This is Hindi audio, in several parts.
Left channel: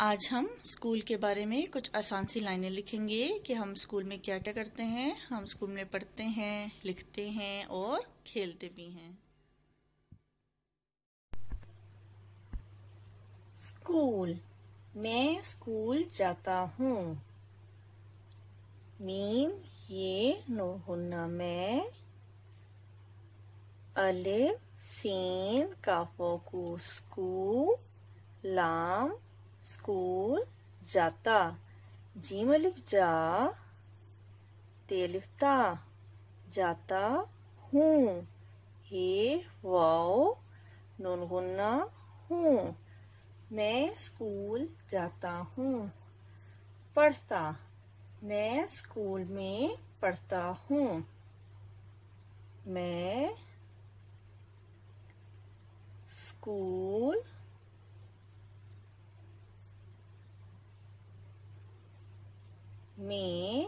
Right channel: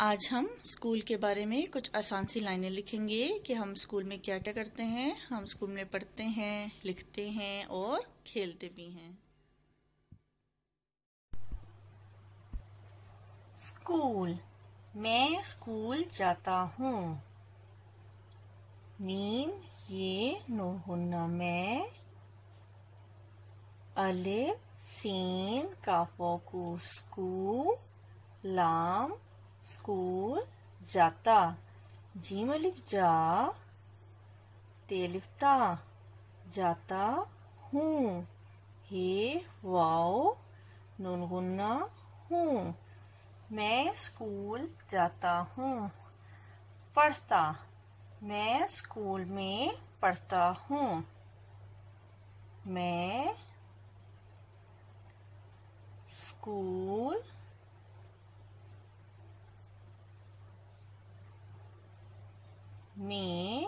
आज हम स्कूल के बारे में कुछ आसान सी लाइनें लिखेंगे कि हम स्कूल में क्या क्या करते हैं। हम स्कूल में पढ़ते हैं, लिखते हैं और खेलते भी हैं। स्कूल। मैं स्कूल जाता हूँ। मीम ये नून मैं। अलिफ सीन काफोकू स्कूल। लाम स्कूल जाता। जीम अलिफ जा। तेलिफ ता जाता हूँ। हे वाओ नून गुन्ना हूँ। मैं स्कूल जाता हूँ। पढ़ता। मैं स्कूल में पढ़ता हूँ। मैं स्कूल में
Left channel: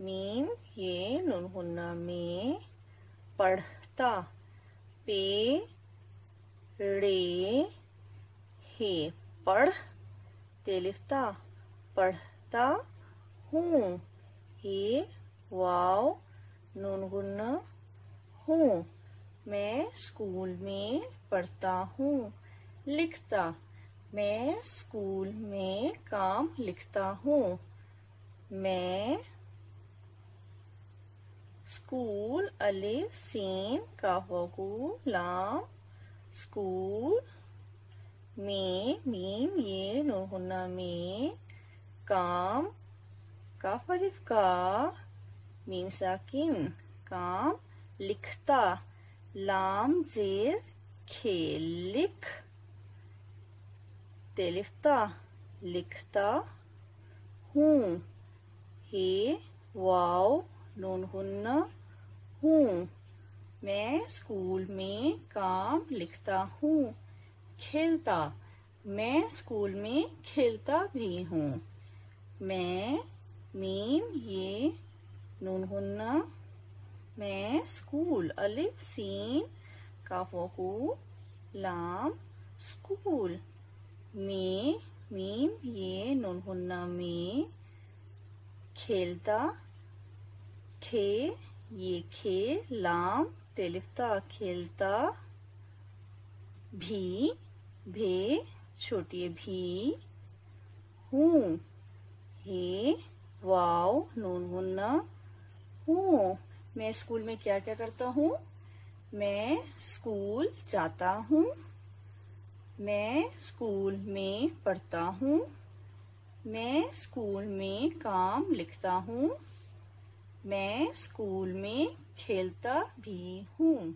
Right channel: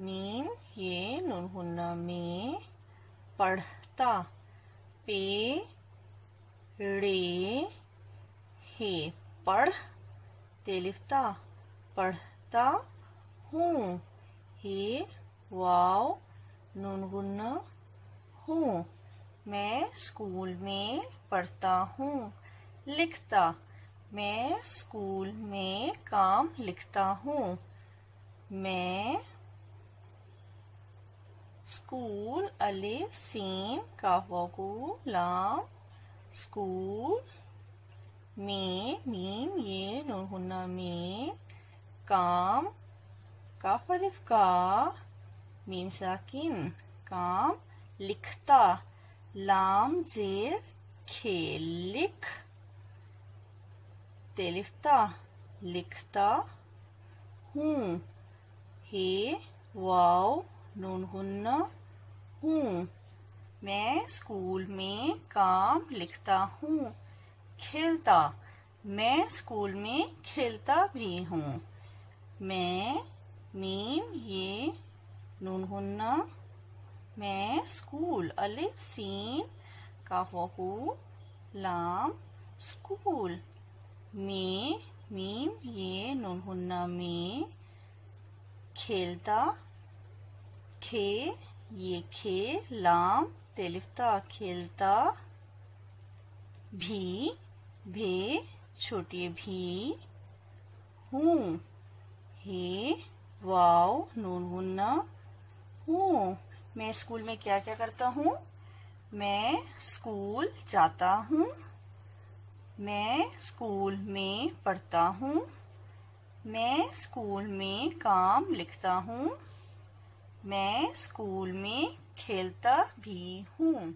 मीम ये नून गुन्ना में पढ़ता। पे रे हे पढ़ तेलिफ्ता पढ़ता हूँ। हे वाव नून गुन्ना हूँ। मैं स्कूल में पढ़ता हूँ। लिखता। मैं स्कूल में काम लिखता हूँ। मैं स्कूल अलिफ सीन काफोकू लाम स्कूल में मीम ये नून गुन्ना में काम काफ अलिफ का मीम साकिन काम लिखता। लाम जेर खेल लिख तेलिफ्ता लिखता हूँ। हे वाव नून गुन्ना हूँ। मैं स्कूल में काम लिखता हूँ। खेलता। मैं स्कूल में खेलता भी हूँ। मैं मीम ये नून गुन्ना मैं स्कूल अलिफ सीन काफोकू लाम स्कूल में मीम ये नून गुन्ना में खेलता। खे ये खे लाम तेलिफ्ता खेलता भी भे छोटी भी हूँ। हे वाव नून गुन्ना हूँ। मैं स्कूल में क्या क्या करता हूँ। मैं स्कूल जाता हूँ। मैं स्कूल में पढ़ता हूँ। मैं स्कूल में काम लिखता हूँ। मैं स्कूल में खेलता भी हूँ।